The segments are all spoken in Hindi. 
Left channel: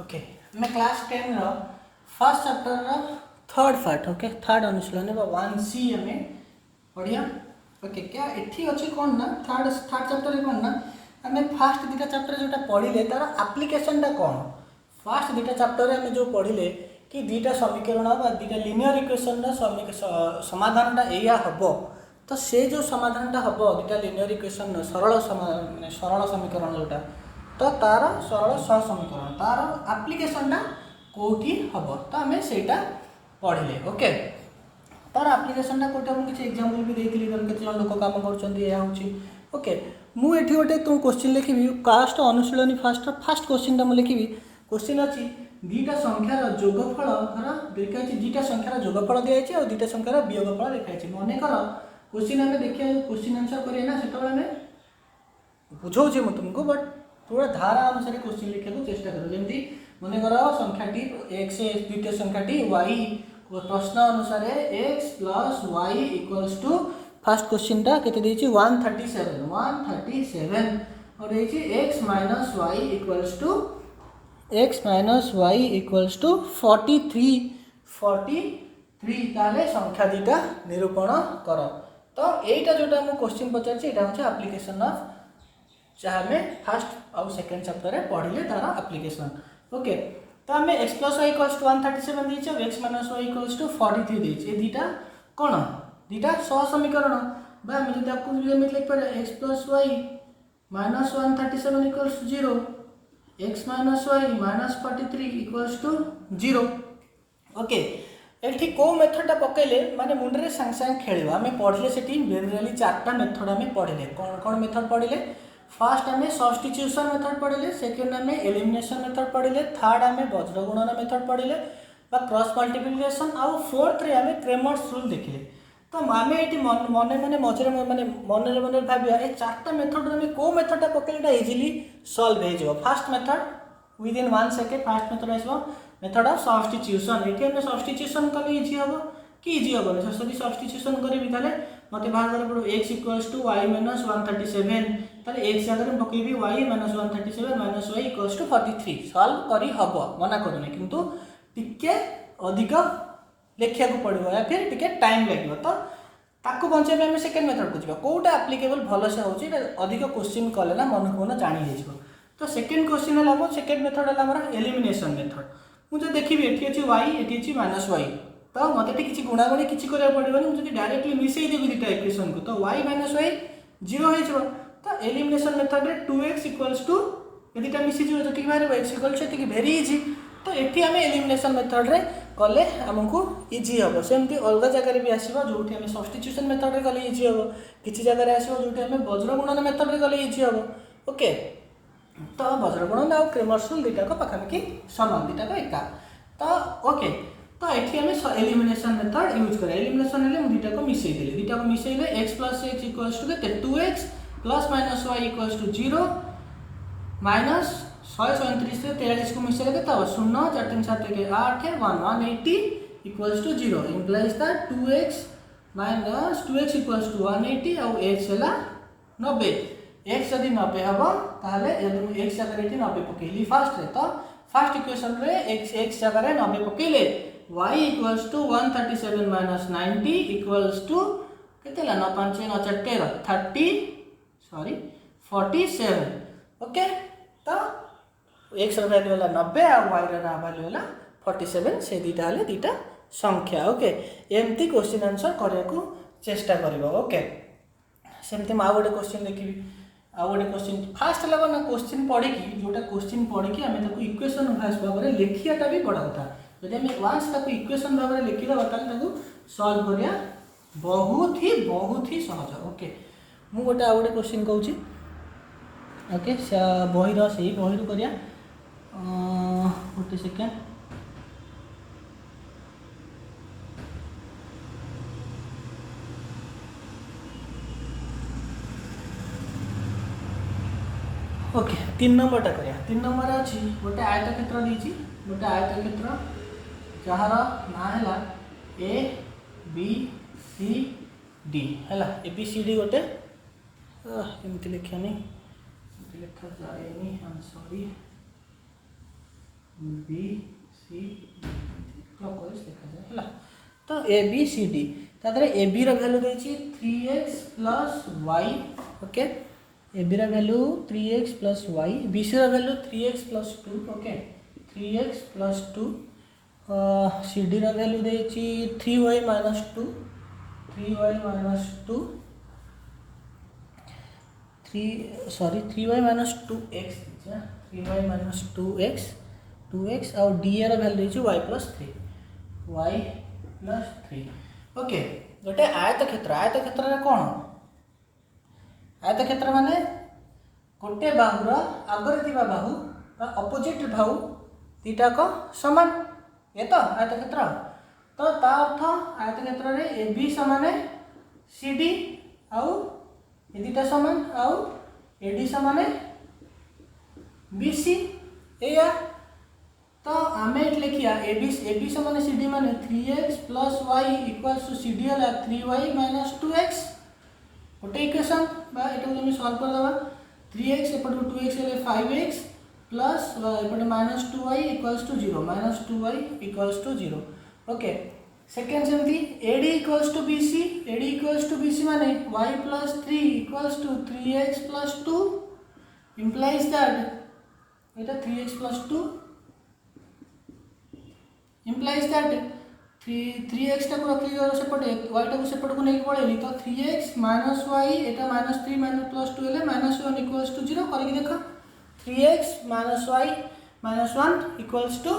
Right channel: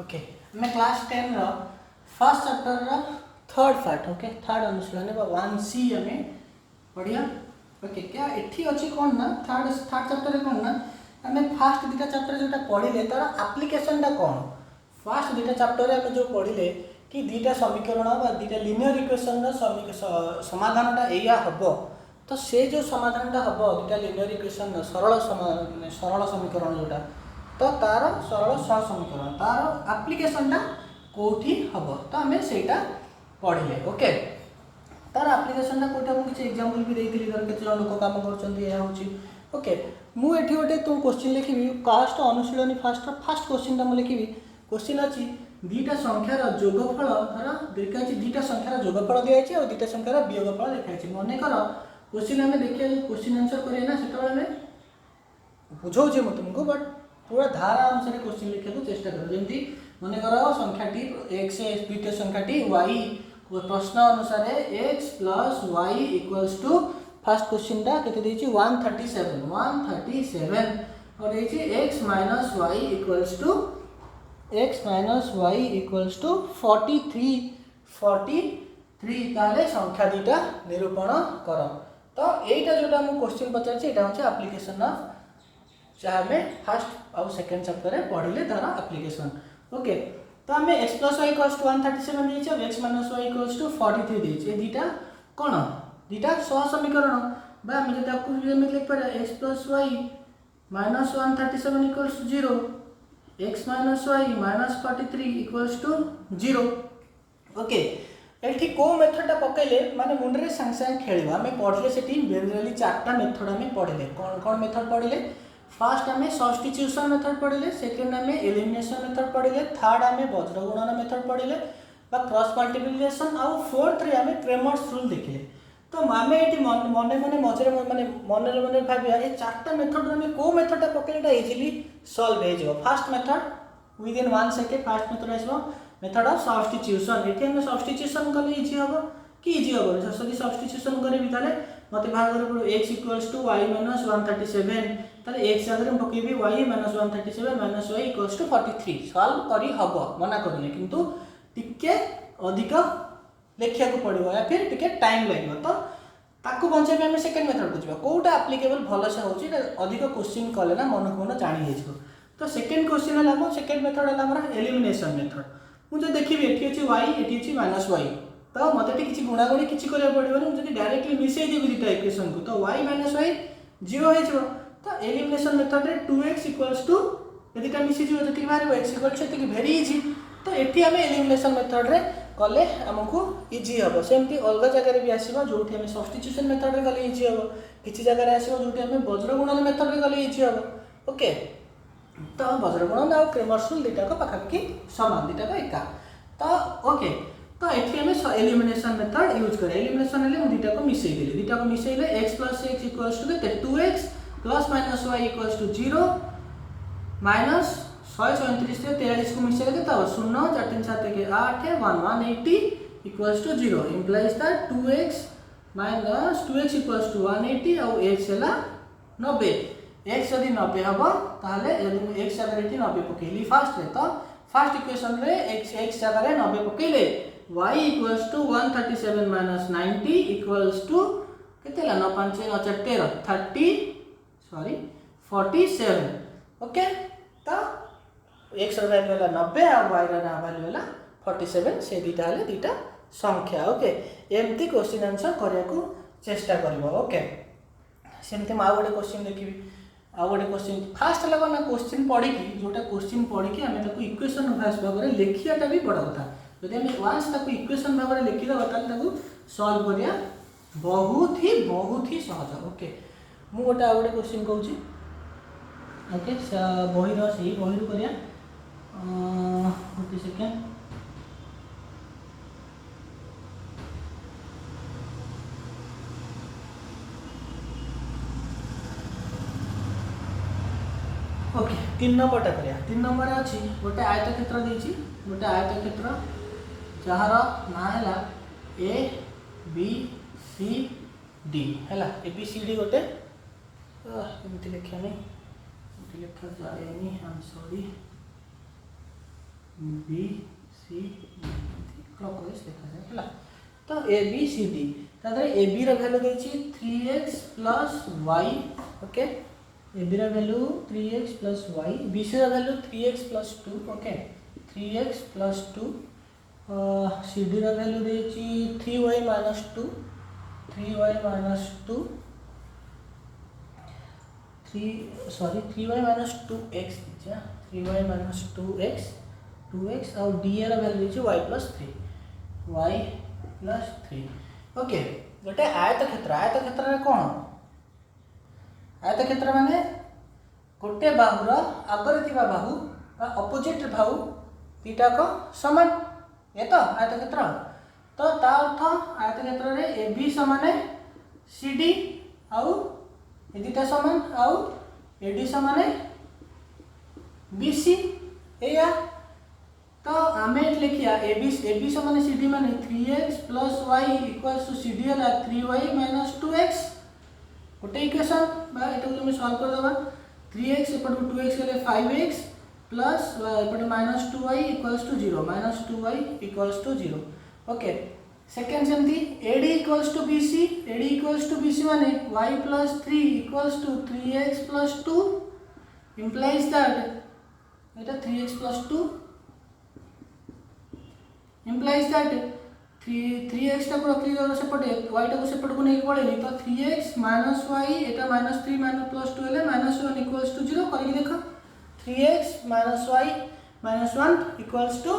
ओके मैं क्लास 10 रो फर्स्ट चैप्टर रो थर्ड पार्ट ओके थर्ड अनुशीलन 1C हमें पढ़िया ओके क्या एठी अछि कोन ना थर्ड चैप्टर रे कोन ना हमें फर्स्ट दुटा चैप्टर जोटा पढ़िले तार एप्लीकेशन टा कोन फर्स्ट दुटा चैप्टर रे हमें जो पढ़िले कि दुटा समीकरण बा दुटा लीनियर इक्वेशन रो समाधान टा एया हबो तो से जो समाधान टा हबो दुटा लीनियर इक्वेशन सरल समीकरण जोटा तो तार सरल सह समीकरण तार एप्लीकेशन टा कोठी हबो तो हमें सेटा पढ़िले ओके तार एप्लीकेशन टा कोठी हम किछ एग्जांपल भी देइथिली हम केते लोक काम करचंदी या होची ओके मु एठी गोटे तुम क्वेश्चन लिखिबी कास्ट अनुशीलनी फर्स्ट क्वेश्चन टा म लिखिबी क्वेश्चन अछि दुटा संख्यार जोगफल धर देखाइछि दुटा संख्यार जोगफल दियाइछि और दुटा संख्यार वियोगफल देखाइछि मने कर क्वेश्चन हमें देखिया क्वेश्चन आंसर करिए ना सेतବେଳେ हमें बुझौछि म तुमको बट पूरा धारा अनुसार क्वेश्चन लिखा को चेष्टा करो जमी मन कर संख्याटी एक्स द्वितीय संख्याटी वाई प्रश्न अनुसार x plus y equals to first question टा केते देछि 137 और देछि x minus y equals to 43 ताले संख्या दुटा निरूपण कर तो एटा जोटा हम क्वेश्चन पचार एटा होचे एप्लीकेशन ऑफ चाहे हमें फर्स्ट और सेकंड चैप्टर रे पढ़िले तार एप्लीकेशन ओके तो हमें x plus y equals to 137 देछि और x minus y equals to 43 देछि ए दुटा कोन दुटा सह समीकरण बा हम जदि आपको लिमिट लिख पर x plus y minus 137 equals 0 x minus y minus 43 equals to 0 okay एठी को मेथड पकेले माने मुंडे रे संग संग खेलबा हमें पढ़िले सेठी जनरली चारटा मेथड हमें पढ़िले कोन कोन मेथड पढ़िले फर्स्ट हमें सब्स्टिट्यूशन मेथड पढ़िले सेकंड हमें एलिमिनेशन मेथड पढ़िले थर्ड हमें वज्र गुणन मेथड पढ़िले बा क्रॉस मल्टीप्लिकेशन और फोर्थ रे हमें क्रेमर्स रूल देखिले तो मामे एटी मने मने मझरे माने मने भाबिया ए चारटा मेथड हमें को मेथड पकेलेटा इजीली सॉल्व हे जो first method with in 1 second first method आइसबो मेथड ऑफ सब्स्टिट्यूशन एटी हमें सब्स्टिट्यूशन कले इजी हबो कि इजी हबो सॉरी सब्स्टिट्यूशन करे भी ताले मते भाग करे पड़ो x equals to y minus 137 ताले x जगह में पकेबी y minus 137 minus y equals to 43 solve करी हबो मना करने किंतु टिके अधिक लेखिया को पड़िबो या फिर टिके टाइम लागबो तो ताको बंचे में हमें सेकंड मेथड को जिबा कोटा एप्लीकेबल भलो से होची अधिक क्वेश्चन कले ना मन को ना जानि हेजबो तो सेकंड क्वेश्चन हला हम सेकंड मेथड हला हमर एलिमिनेशन मेथड मु जो देखिबी एठी अछि y एठी अछि माइनस y तो मते टी किछि गुणागुणी किछि करे पड़िबो नि जदि डायरेक्टली मिसै देबी दिटा इक्वेशन को तो y माइनस y 0 हे जबो तो एलिमिनेशन मेथड रे 2x इक्वल्स टू यदि ता मिसि जो जति बारे x इक्वल्स सेति वेरी इजी तो एठी हमें एलिमिनेशन मेथड रे कले हमको इजी हबो सेमति अलग जगह रे भी आसीबो जोठी हमें सब्स्टिट्यूशन मेथड रे कले इजी हबो किछि जगह रे आसीबो जोठी हमें वज्र गुणन मेथड रे कले इजी हबो ओके तो वज्र गुणन और क्रेमर्स रूल दिटा को पखा कि समान दिटा को एका तो ओके तो एठी हमें एलिमिनेशन मेथड यूज करे एलिमिनेशन हेले हम दिटा को मिसैले x plus h equals to के 2x plus minus y equals to 0 minus 137 से 43 को मिसैले के तब 0 4 3 7 के 8 है 180 equals to 0 implies that 2x minus 2x equals to 180 और x हला 90 x यदि 90 हबो ताले यदि x जगह रे 90 पकेली फर्स्ट रे तो फर्स्ट इक्वेशन रे x जगह रे 90 पकेले y equals to 137 minus 90 equals to कितना 9 5 9 4 13 30 सॉरी 47 ओके तो x ର वैल्यू होला 90 और y ର वैल्यू होला 47 से दीटा हले दीटा संख्या ओके एमती क्वेश्चन आंसर करिया को चेष्टा करबो ओके सेमते मा गोटे क्वेश्चन देखिबी आ गोटे क्वेश्चन फास्ट लगा ना क्वेश्चन पढ़ी की जोटा क्वेश्चन पढ़ी की हमें ताको इक्वेशन भास भाबरे लेखियाटा भी बड़ा होता जदि हम वांस ताको इक्वेशन भाबरे लिखि दबा ताले ताको सॉल्व करिया बहुत ही सहज ओके मु गोटे आ गोटे क्वेश्चन कहूची ओके बही रो सही बही करिया गोटे सेकेंड ओके 3 नंबर टा करिया 3 नंबर अछि गोटे आयतक्षेत्र देछि गोटे आयतक्षेत्र जहार ना हैला ए बी सी डी हैला ए बी सी डी गोटे एमति लिखिया नहीं एमति लिखा जाएनी I am sorry B C clockwise देखा जाए है। तो ए बी सी डी तादरे ए बी रो वैल्यू देछि 3x plus y okay A B रो value 3x plus y B C रो value 3x plus 2 okay 3x plus 2 C D रो वैल्यू देछि 3y minus 2 3y minus 2 3y minus 2x 3y minus 2x और डी रो वैल्यू देछि y plus 3 y plus 3 okay गोटे आयतक्षेत्र रे कौन आयतक्षेत्र माने गोटे बाहुर आगरे थिबा बाहु अपोजिट बाहु दीटा को समान ये तो आयतक्षेत्र तो ता अर्थ आयतक्षेत्र रे ए बी समान सी डी आउ ए दीटा समान आउ ए डी समान बी सी एया तो आमे लिखिया ए बी समान सी डी माने 3x plus y equals to सी डी हला 3y माइनस 2x गोटे इक्वेशन बा एटा तुम सॉल्व कर दबा 3x एपट 2x ले 5x प्लस एपट minus 2y equals to 0 minus 2y equals to 0 okay second सेमती AD इक्वल्स टू BC माने y plus 3 equals to 3x plus 2 implies that Etah 3x plus 2 implies that 3x टाको रखी दो सेपटे y टाको सेपट को नहीं पड़ेनी तो 3x माइनस y एटा माइनस 3 माइनस प्लस 2 ले माइनस 1 इक्वल्स टू 0 करके देखो 3x minus y minus 1 equals to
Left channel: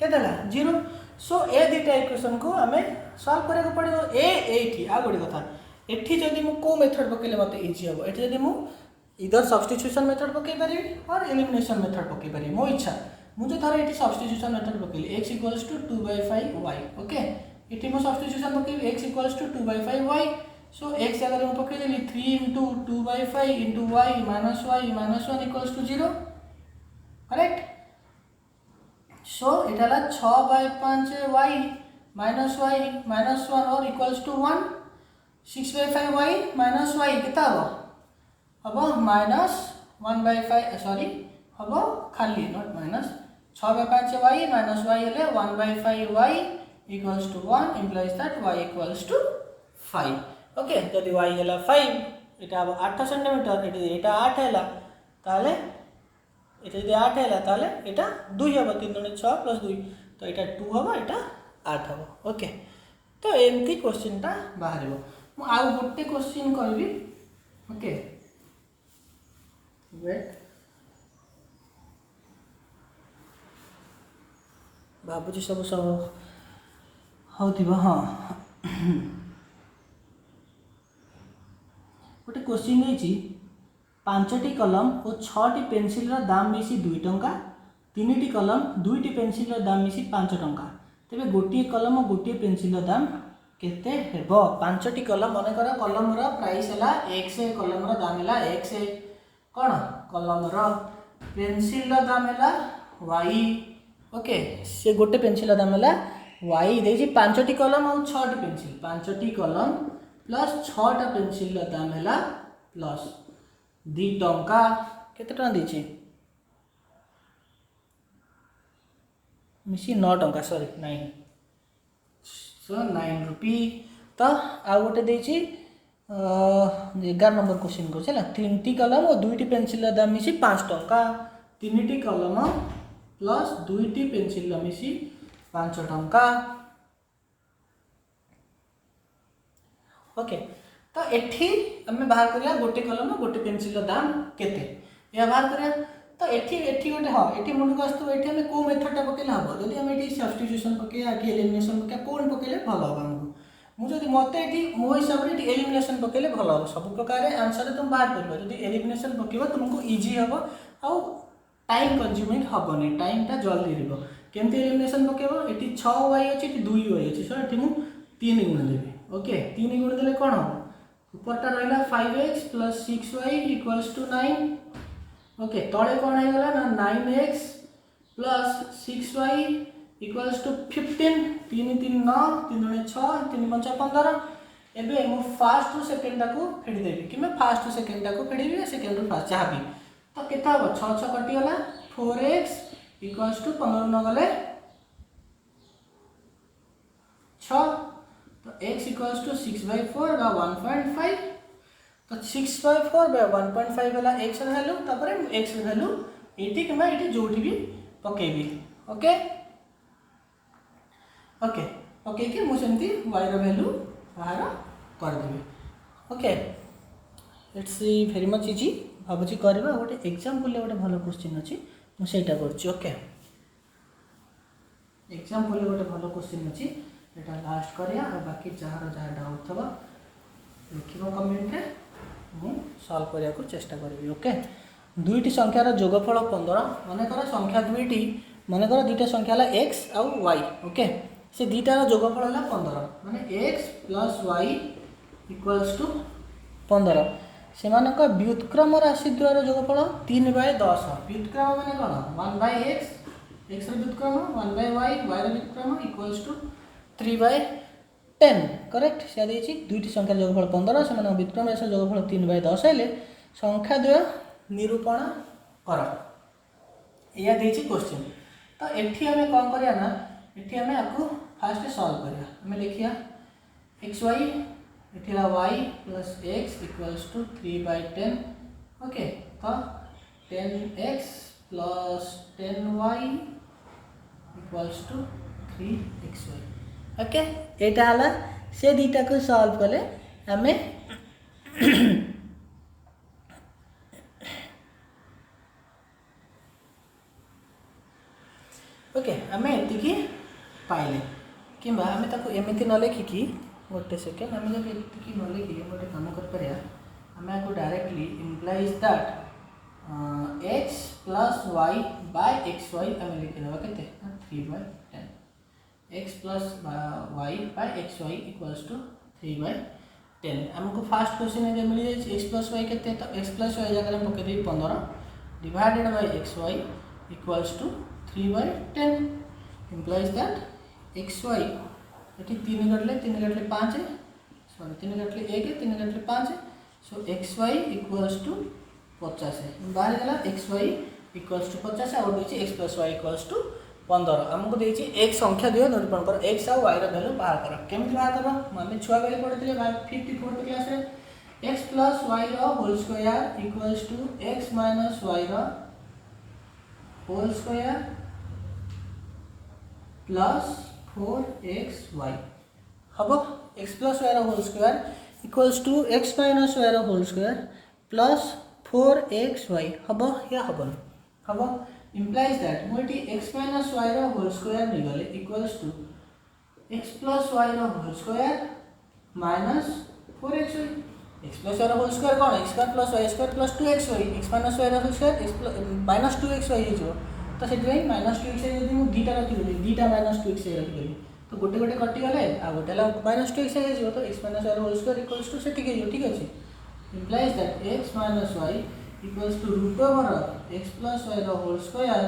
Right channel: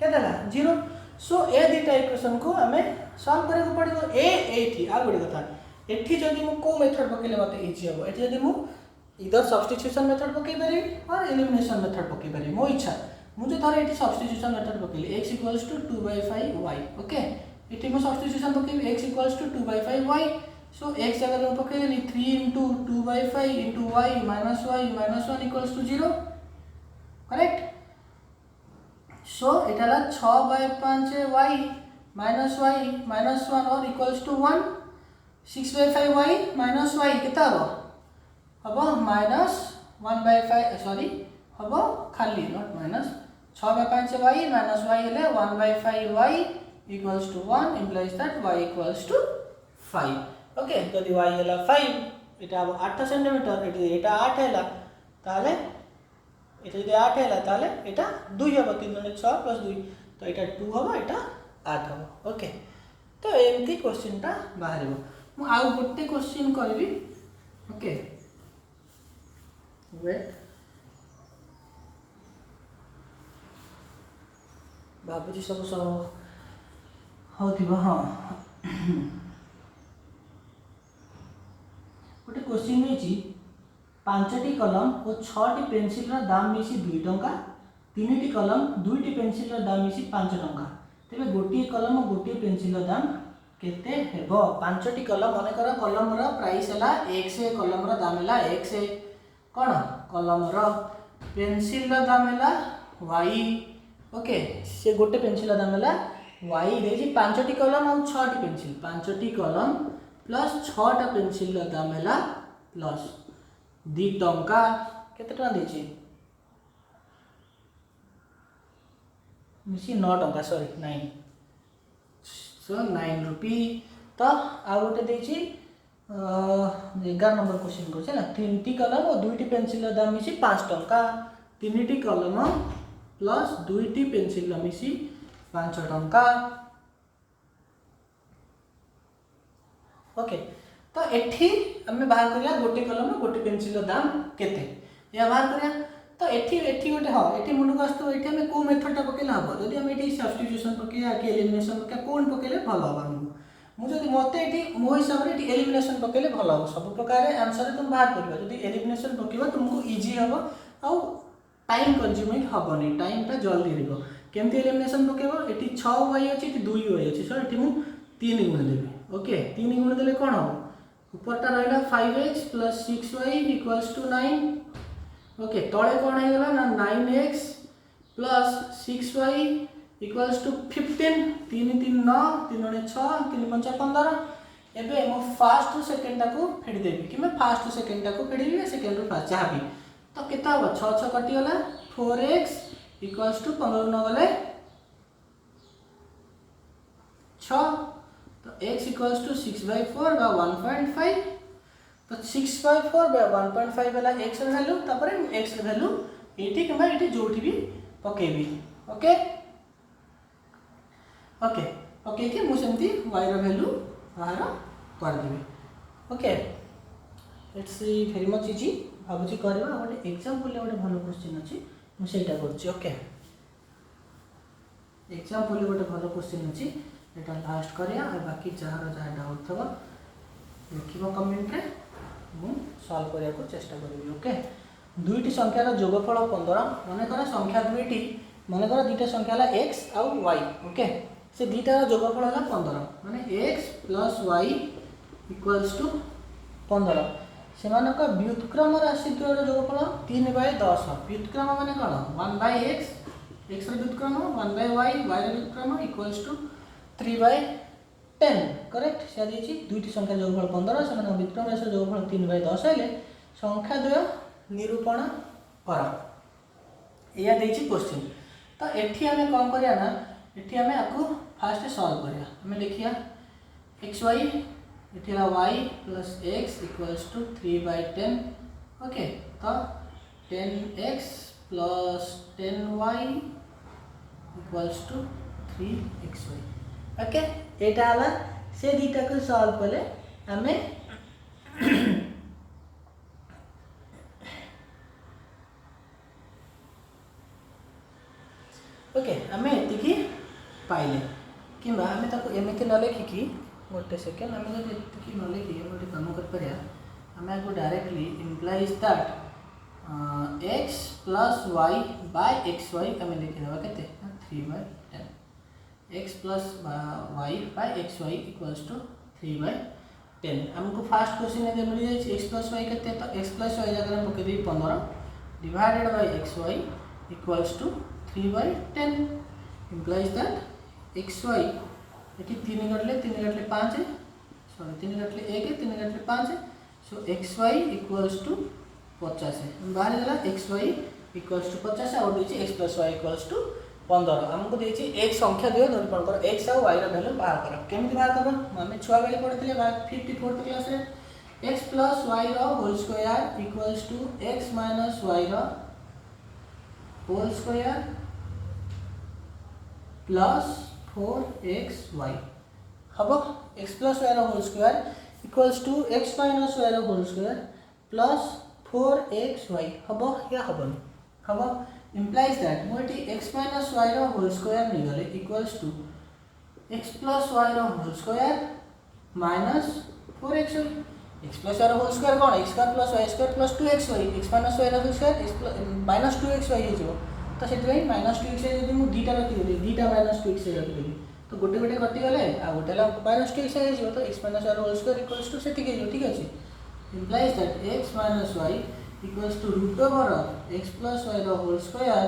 केतला 0 सो ए दीटा इक्वेशन को हमें सॉल्व करे को पड़ियो एठी आ गोडी कथा एठी जदी मु को मेथड पकेले मते इजी हो एठी जदी मु इधर सब्स्टिट्यूशन मेथड पके पारी और एलिमिनेशन मेथड पके पारी मो इच्छा मुझे थोड़े ये सब्स्टिट्यूशन मेथड पकेली x equals to 2/5y okay ये मो सब्स्टिट्यूशन पकेली x equals to 2/5y so x अगर मैं पकेली 3 * 2/5 * y minus 1 equals to 0 correct so एटाला 6/5y माइनस y 1 और equals to 1 6/5y minus y कितना हबो माइनस 1/5 सॉरी हबो खाली not minus 6/5y minus y हेले 1/5y equals to 1 implies that y equals to 5 okay जदी y हेला 5 एटा अब 8 सेंटीमीटर एटा 8 हैला ताले एटा जदी 8 हैला ताले एटा 2 हबो 3 * 6 + 2 तो एटा 2 हबो एटा 8 हबो ओके तो एमती क्वेश्चन ता बाहरिबो मु आ गोटे क्वेश्चन करबी ओके वेट बाबूजी सब होथिबो हां गोटे क्वेश्चन नेछि 5टी कलम और 6टी पेंसिल रा दाम मिसी 2 टंका 3टी कलम 2टी पेंसिल रा दाम मिसी 5 टंका तेबे गोटी कलम और गोटी पेंसिल रा दाम केते हेबो 5टी कलम माने कर कलम रा प्राइस हला x कलम रा दाम हला x कोन कलम रा पेंसिल रा दाम हला y ओके से गोटे पेंसिल दाम हला y देजी 5टी कलम और 6टी पेंसिल 5टी कलम प्लस 6टा पेंसिल दाम हला प्लस 2 टंका केते टंका देछि मिसी 9 टंका सॉरी 9 सो 9 रुपी तो आ गोटे देछि 11 नंबर क्वेश्चन को चला 3टी कलम और 2टी पेंसिल दाम मिसी 5 टंका 3टी कलम प्लस 2टी पेंसिल मिसी 5 टंका ओके तो एठी हमें बाहर करिया गोटे कलम गोटे पेंसिल दाम केते या बाहर करिया तो एठी गोटे हां एठी मुंड को आस्तो एठी हमें को मेथड ता पकेला हबो जदी हम एठी सब्स्टिट्यूशन पकेया कि एलिमिनेशन पकेया कोन पकेले भलो हबो हमको मु जदी मते एठी मो हिसाब रे एठी एलिमिनेशन पकेले भलो हबो सब प्रकार आंसर तुम बाहर करबो जदी एलिमिनेशन पकेबो तुमको इजी हबो आ टाइम कंज्यूमिंग हबनी टाइम ता जल्दी हेबो केमते एलिमिनेशन पकेबो एठी 6y अछि एठी 2y अछि सो एठी मु 3 गुण देबे ओके 3 गुण देले कोन हो ऊपरटा रहला 5x + 6y = 9 ओके तळे कोन आइ गला ना 9x + 6y = 15 3 3 9 3 6 3 5 15 एबे मु फर्स्ट टू सेकंड टाको फेडी देबी कि मैं फर्स्ट टू सेकंड टाको फेडीबी सेकंड टू फर्स्ट चाहबी तो केता हो 6 6 कटि गला 4x इक्वल्स टू 15 न गले 6 तो x इक्वल्स टू 6/4 बा 1.5 तो 6/4 बा 1.5 वाला x वैल्यू तापर x वैल्यू एटी किबा एटी जोटी भी पकेबी ओके ओके ओके कि मु सेमती y रो वैल्यू बाहर कर देबे okay it's very much easy भाबुची करबा गोटे एग्जांपल गोटे भलो क्वेश्चन अछि मु सेटा करछि ओके एग्जांपल गोटे भलो क्वेश्चन अछि एटा लास्ट करिया और बाकी जहार जहार डाउट थबा लिखिबो कमेंट रे मु सॉल्व करिया को चेष्टा करबी ओके दुईटी संख्यार जोगफल 15 माने करा संख्या दुईटी माने करा दुईटा संख्या ला x और y ओके से दुईटार जोगफल हला 15 माने x plus y equals to 15 सेमानक व्युत्क्रम राशि द्वयर जोगफल 3/10 व्युत्क्रम माने कोन 1/x x रो व्युत्क्रम 1/y y रो व्युत्क्रम इक्वल्स टू 3/10 करेक्ट से देछि दुईटी संख्या जोगफल 15 सेमानक व्युत्क्रम राशि जोगफल 3/10 हेले संख्या द्वय निरूपण कर या देछि क्वेश्चन तो एठी हमें कोन करिया ना एठी हमें आकु फास्ट सॉल्व करिया हमें लिखिया xy एठी y plus x equals to 3/10 okay तो 10x plus 10y equals to 3xy okay एटा हला से दीटा को सॉल्व करले हमें ओके हमें एतिकी पाइले किंबा हमें ताको एमिति न लिखिकी गोटे सेकेंड हमें जब एतिकी न लिखी गोटे काम कर परिया हमें को directly implies that x plus y by xy हमें लिख देबा केते 3/10 x plus y by xy equals to 3/10 हमको फर्स्ट क्वेश्चन में जे मिल जाय x प्लस y केते तो x प्लस y जगह में पके दे 15 divided by xy equals to 3/10 implies that xy एटी 3 घटले 5 सॉरी 3 घटले 1 3 घटले 5 सो xy इक्वल्स टू 50 बाहर गला xy इक्वल्स टू 50 और देछि x plus y equals to 15 हमको देछि एक संख्या दियो निरूपण कर x और y रा वैल्यू बाहर कर केमति बाहर करबो माने छुआ बेले पढितले 54 क्लास रे x प्लस y रा whole square equals to x minus y रा होल स्क्वायर प्लस 4xy हबो x plus y whole square equals to x minus y whole square plus 4xy हबो या हबन हबो implies that मोटी x minus y whole square नि गले equals to x plus y whole square minus 4xy x plus y whole square कोन x square plus y square plus 2xy x minus y whole square x minus 2xy हे जो तो से माइनस 2x यदि मु दीटा रखी दीटा माइनस 2x रखी तो गोटे गोटे कटि गले आ गोटे ला माइनस 2x हे जो तो x minus y whole square equals to सेटिक हे जो ठीक अछि implies that x minus y equals to root over x plus y whole square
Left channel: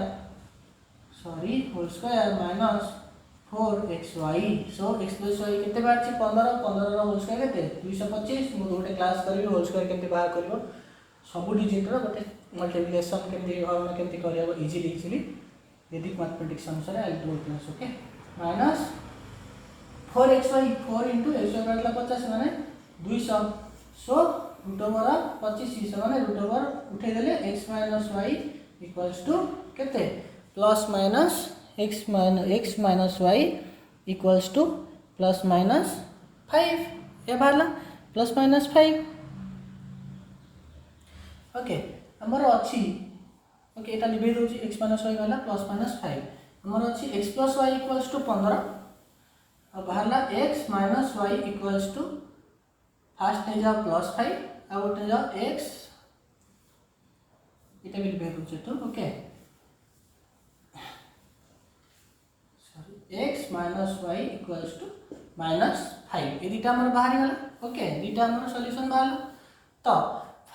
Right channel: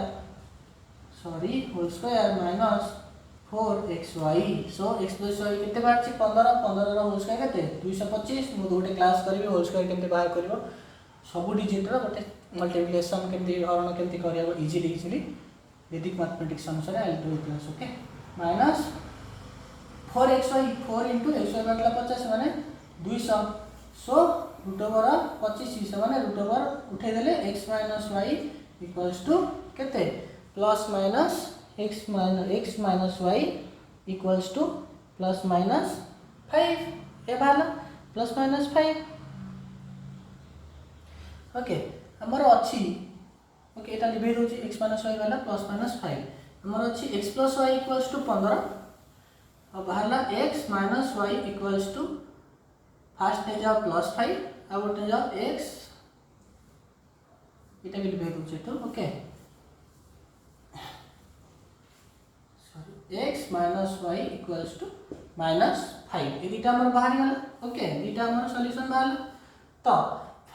sorry whole square minus 4xy so x plus y केते बार छी 15 15 रो होल स्क्वायर केते 225 मु गोटे क्लास करबी होल स्क्वायर केते बाहर करबो सब डिजिट रो गोटे मल्टीप्लिकेशन केमती हरण केमती करिया इजीली वैदिक मैथमेटिक्स अनुसार I do class okay minus 4xy 4 into xy बाटला 50 माने 200 सो रूट ओवर 25 से माने रूट ओवर उठे देले x minus y equals to केते plus minus x minus y equals to plus minus 5 ए बाला प्लस माइनस 5 ओके हमर अछि ओके एटा लिबे रोज x माइनस y वाला प्लस माइनस 5 हमर अछि x plus y equals to 15 अब बाहरला x minus y equals to first ने जाओ प्लस 5 अब उठे जाओ x एटा भी लिबे रोज तो okay sorry x minus y equals to minus 5 ए दीटा हमर बाहर गला ओके दीटा हमर सॉल्यूशन बाहर तो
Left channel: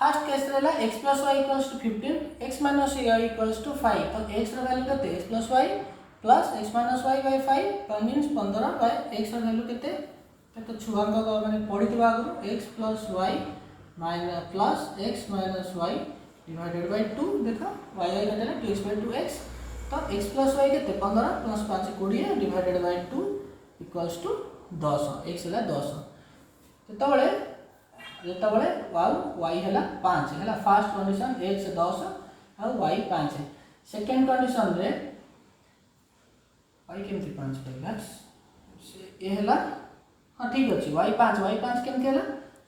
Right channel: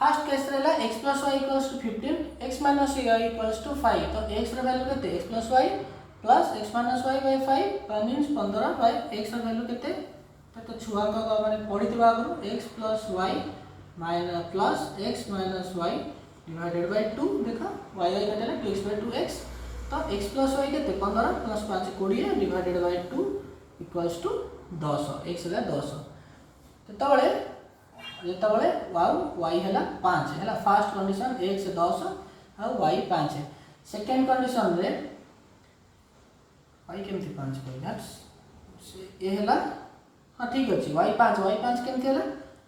फर्स्ट केस रहला x plus y equals to 15 x minus y equals to 5 तो x रो वैल्यू केते x plus y plus x minus y by 5 that means 15 by x रो वैल्यू केते तो छुआ का माने पढितबा आगु x plus y minus plus x minus y divided by 2 देखो y कटेला 2x बाय 2x तो x प्लस वाई के 15 plus 5 20 divided by 2 equals to 10 x है 10 तेतबले जेतबले y है 5 है फर्स्ट कंडीशन x 10 और y 5 है सेकेंड कंडीशन रे y केमती 5 कहला ये है हाँ ठीक अच्छे y 5 केमती है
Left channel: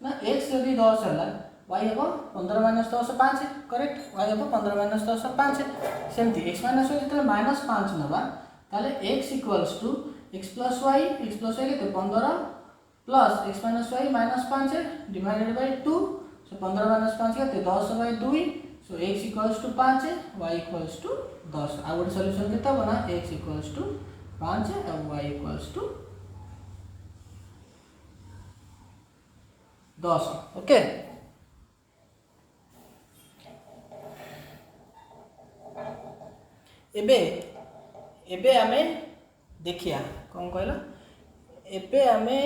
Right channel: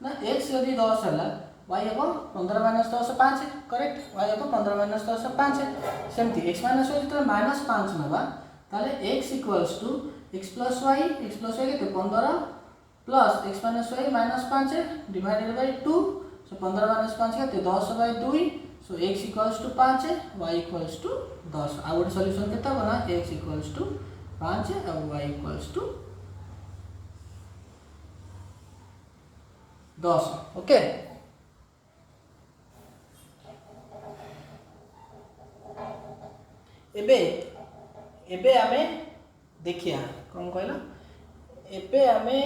ना x यदि 10 है y हम 15 माइनस 10 5 है करेक्ट y हम 15 माइनस 10 5 है सेमती x माइनस वाई जो माइनस 5 नवा ताले x equals to x plus y के 15 plus x minus y minus 5 है डिवाइडेड बाय 2 सो 15 माइनस 5 के 10 by 2 so x equals to 5 है y इक्वल्स टू 10 आ गोटे सॉल्यूशन केते बना x इक्वल्स टू 5 है और y इक्वल्स टू 10 ओके एबे एबे आमे देखिया कौन कहला एबे आमे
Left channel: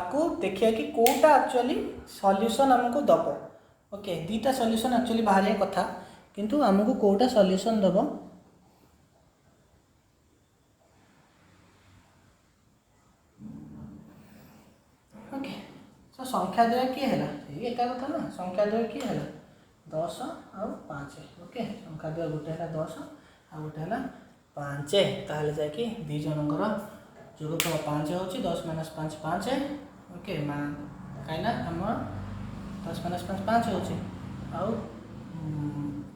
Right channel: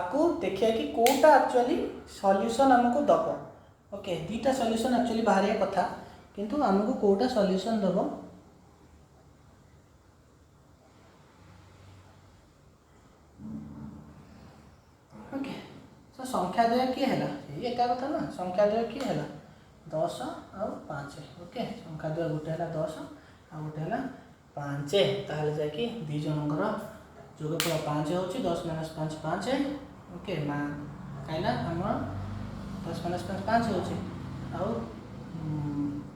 आपको देखिया कि कोटा एक्चुअली सॉल्यूशन हमको दबो ओके दीटा सॉल्यूशन एक्चुअली बाहर कथा किंतु हमको कोटा सॉल्यूशन दबो ओके तो संख्या द्वय किए है ये एका कथा ना संख्या द्वय किए है 10 और 5 ओके संख्या द्वय गोटे है 10 आ गोटे है 5 ताहले जाय कि दी जनकर जोगफल 5 होची 10 माइनस 5 5 है ओके मा काइना हमर 10 माइनस 5 5 होची आ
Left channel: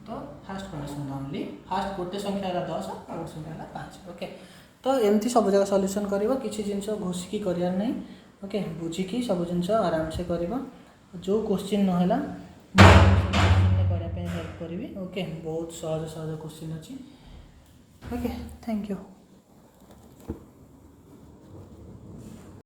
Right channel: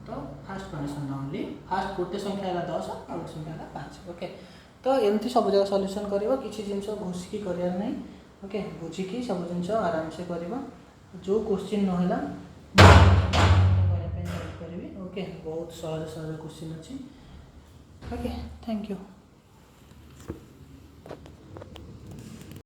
तो फर्स्ट कंडीशन ओनली फर्स्ट गोटे संख्या है 10 और गोटे संख्या है 5 ओके तो एमती सब जगह सॉल्यूशन करिवो किछि जिंस घोषिकी करियार नै ओके बुझिकी सब जिंस आराम से करिवो जो क्वेश्चन न होला हेल्प करी ओके बहुत सहज सहज क्वेश्चन अच्छी ओके थैंक यू।